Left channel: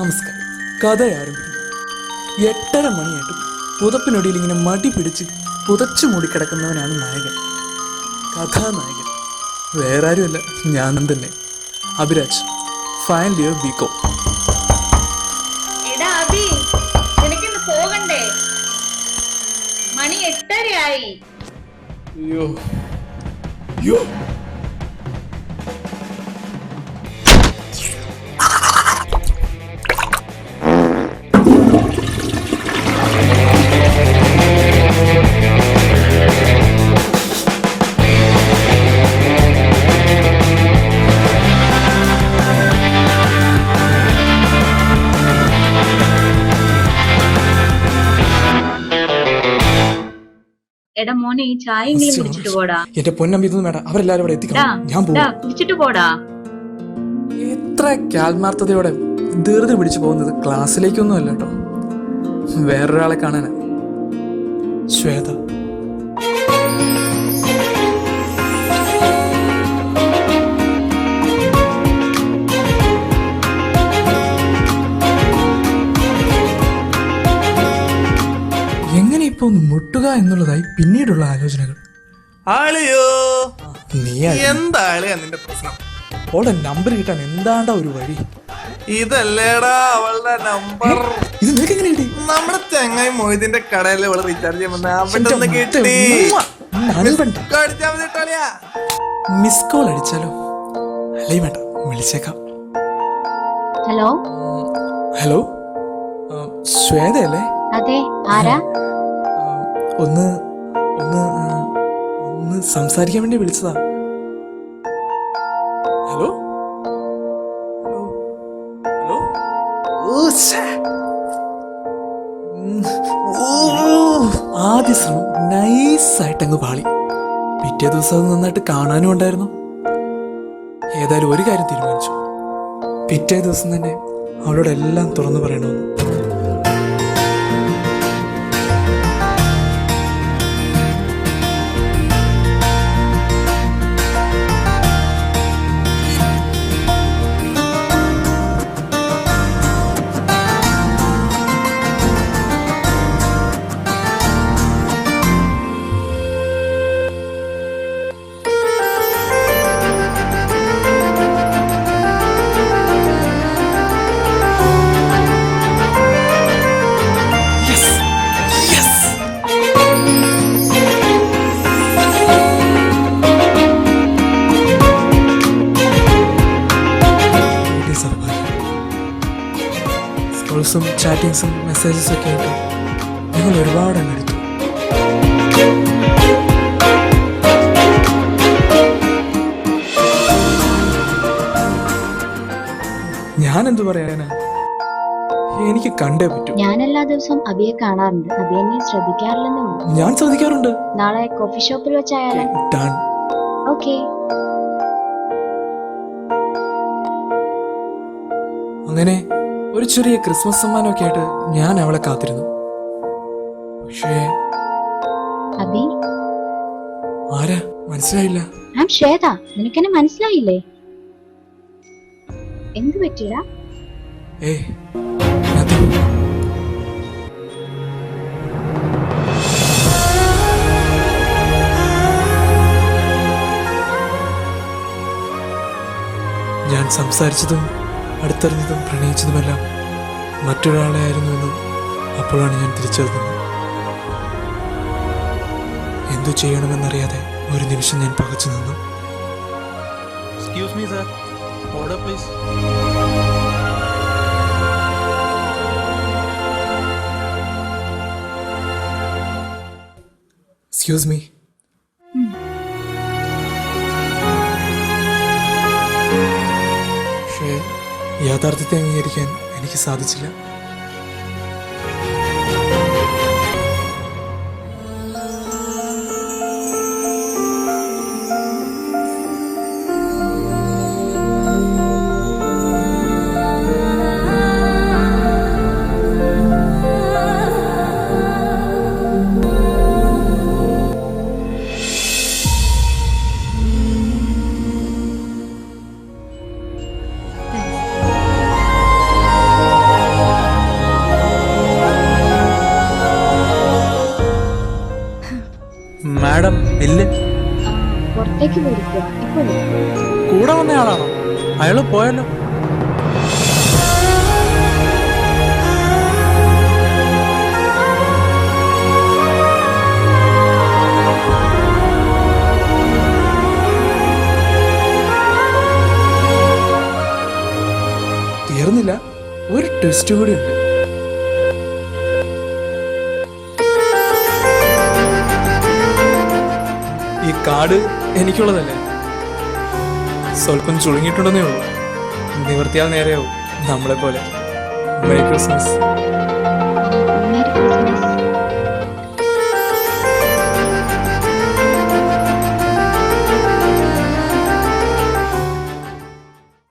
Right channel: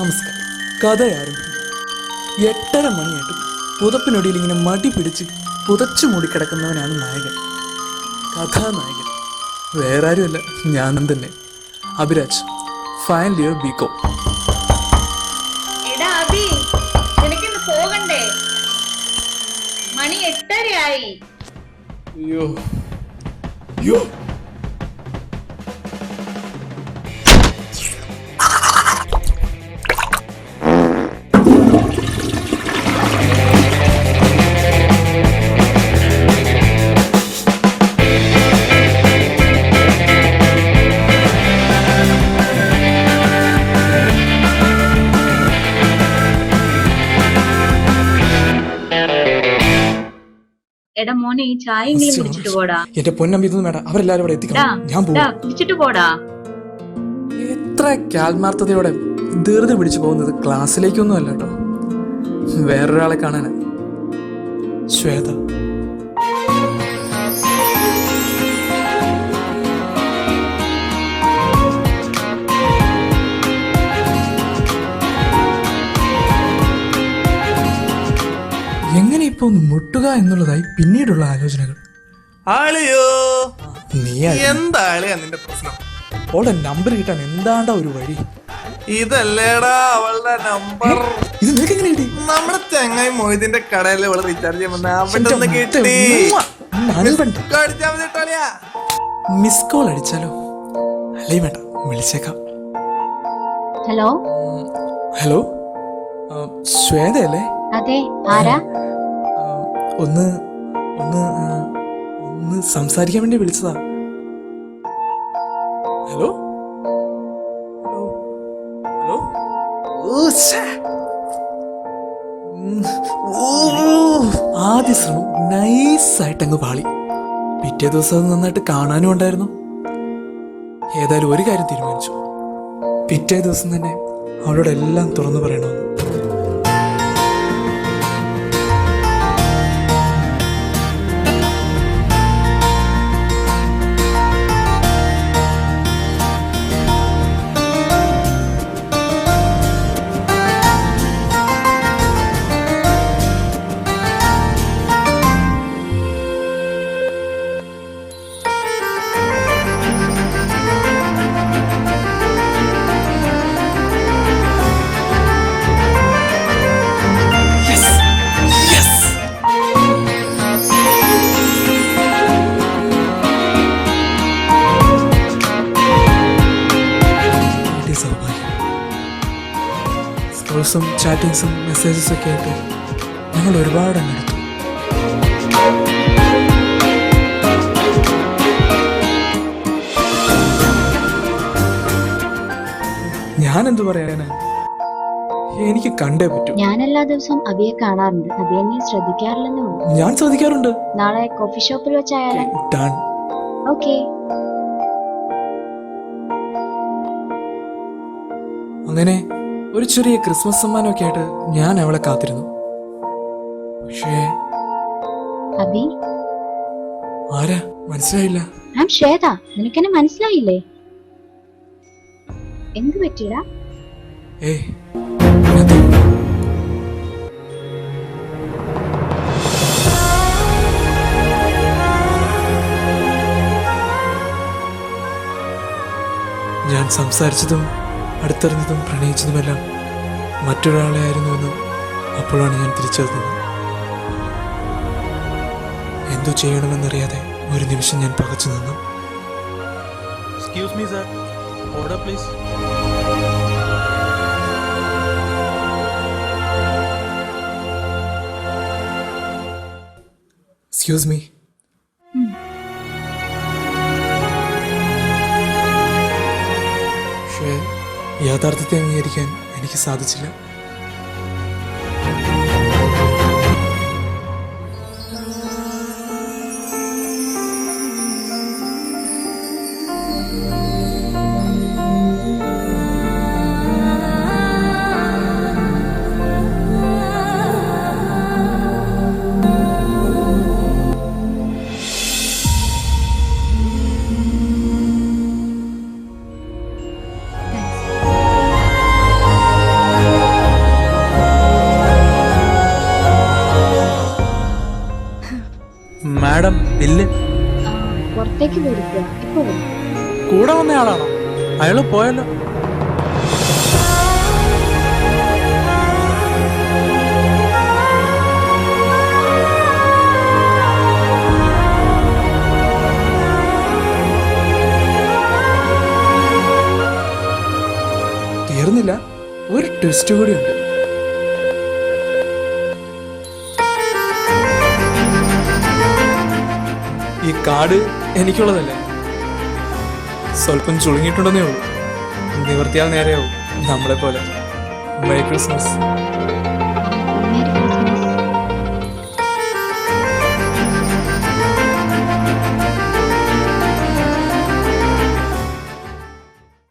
നമസ്കാരം. കഥ ആരംഭിക്കും. 8:30 മണിയായിട്ടും പുതപ്പിനൊടിയിൽ ഇങ്ങനെ മടി പിടിച്ച് പുതച്ചു മൂടിക്കിടക്കുന്നവനാണ് നായകൻ, കഥാനായകൻ. വേറെ ആരുമല്ല, ഞാനും തന്നെ. Abhiraj, final year BCom. പോകണ്ടേ? മണി 8:30 ആയി. അയ്യോ അയ്യോ, എടാ മോനെ, ഈ ചായയെങ്കിലും കുടിച്ചിട്ട് പോടാ. എന്റെ പൊന്നമ്പി, ഇതൊന്നും വേണ്ട, അവരെല്ലാരും ഇവിടെ എത്തിക്കണം. ഞാൻ കുടിച്ചിട്ട് പോടാ. എത്ര ആത്മാർത്ഥതയോടെ ധൃതി പിടിച്ചു പോകുന്നത് ക്ലാസ്സിലേക്കൊന്നും അല്ല കേട്ടോ, വേറൊരാളെ കാണാനാ. ശ്വേത. എങ്ങനെ ഇപ്പൊ മുട്ടുക എന്നുള്ളതായി പിന്നീടുള്ള ആലോചനകൾ. നിന്റെ പ്രശ്നം? ഓടെ നമ്പർ കിട്ടാൻ എന്താണ്ടാ ഒരു വഴി? ഇതല്ലേടാ അവളുടെ നമ്പർ. ഇത് നിനക്ക് എങ്ങനെ കിട്ടി? നമ്മുടെ ചെങ്ങായി മൊയ്തിന്റെ കടയിൽ അവള് റീചാർജ് ചെയ്യുമ്പോ കിട്ടി. മിസ് കോൾ അടിച്ചാലോ? അല്ലേ വേണ്ട, വിളിച്ചേക്കാം. ഹലോ ഹലോ, ശ്വേതയല്ലേ? അതെ, ആരാ? ഒന്ന് ഒന്ന് ഒന്ന് സംസാരിക്കാൻ വേണ്ടി വിളിച്ചതാ. Hello hello hello. ആദ്യ ശ്രമം നൈസായിട്ടങ്ങ് പാളി. പിറ്റേ ദിവസം അത് നന്നായിട്ട് കാണാനും ഉണ്ടായിരുന്നു. ഏതായാലും ഒരു കാര്യം തീരുമാനിച്ചു, പിറ്റേ ദിവസം തന്നെ അവളോട് എല്ലാം തുറന്നു പറയണമെന്ന്. കോൾസും ചാറ്റിങ്സും മെസ്സേജസും ഒക്കെ ആയിട്ട് ഞങ്ങൾ ഒരുപാട് അങ്ങെടുത്തു. ഞാനെന്തു പറയാനാ, എനിക്ക് കണ്ടേ പറ്റൂ. ഞാൻ എല്ലാ ദിവസവും അബിയെ കാണാറുണ്ട്. അബിയെ നീ ശ്രദ്ധിക്കാറില്ലെന്നേ ഉള്ളൂ. ഞാൻ ശ്രദ്ധിക്കാറുണ്ട്. നാളെ കോഫി ഷോപ്പിൽ വെച്ചായാലോ? ഡൺ. ഓക്കെ. അങ്ങനെ ഒരു ചെറിയ ക്രിസ്മസ് സമ്മാനമൊക്കെ ആയിട്ട് ഞാൻ അവളെ കാത്തിരുന്നു. പക്ഷേ അബി. ആരാ? മനസ്സിലായില്ല. ശ്വേത. നിനക്കെന്നെ മനസ്സിലായില്ലേ? എന്ത് പറ്റിയടാ? ഏയ്, nothing. ഞാൻ സംസാരിച്ചതും അടുത്തറിഞ്ഞതും പ്രണയിച്ചതുമെല്ലാം മറ്റൊരാളെ ആയിരുന്നുവെന്ന് അപ്പോഴാണ് ഞാൻ തിരിച്ചറിഞ്ഞത്. എന്തു ചെയ്യണമെന്നറിയാതെ ഒരു നിമിഷം ഞാൻ പകച്ചു നിന്നു. Excuse me sir, order please. Excuse me. പക്ഷേ യാഥാർത്ഥ്യത്തെ അംഗീകരിക്കാൻ എനിക്ക് സാധിച്ചില്ല. ഇല്ല. ആ, പുറത്തേക്ക് പോയിരിക്കുക. ഇപ്പൊ വരും. കൂടെ വന്നയാളാണോ? അയാള് പോയല്ലോ. തീർന്നില്ല, ഒരു ട്വിസ്റ്റ് കൂടിയുണ്ട്. ഈ കാർഡ് എനിക്കുള്ളതല്ലേ? സ്വല്പം ചുളുങ്ങിയിട്ടുണ്ടെന്നേ ഉള്ളൂ. നിവർത്തിയാൽ നേരെയാവും നമ്മളെ പോലെ. Merry Christmas.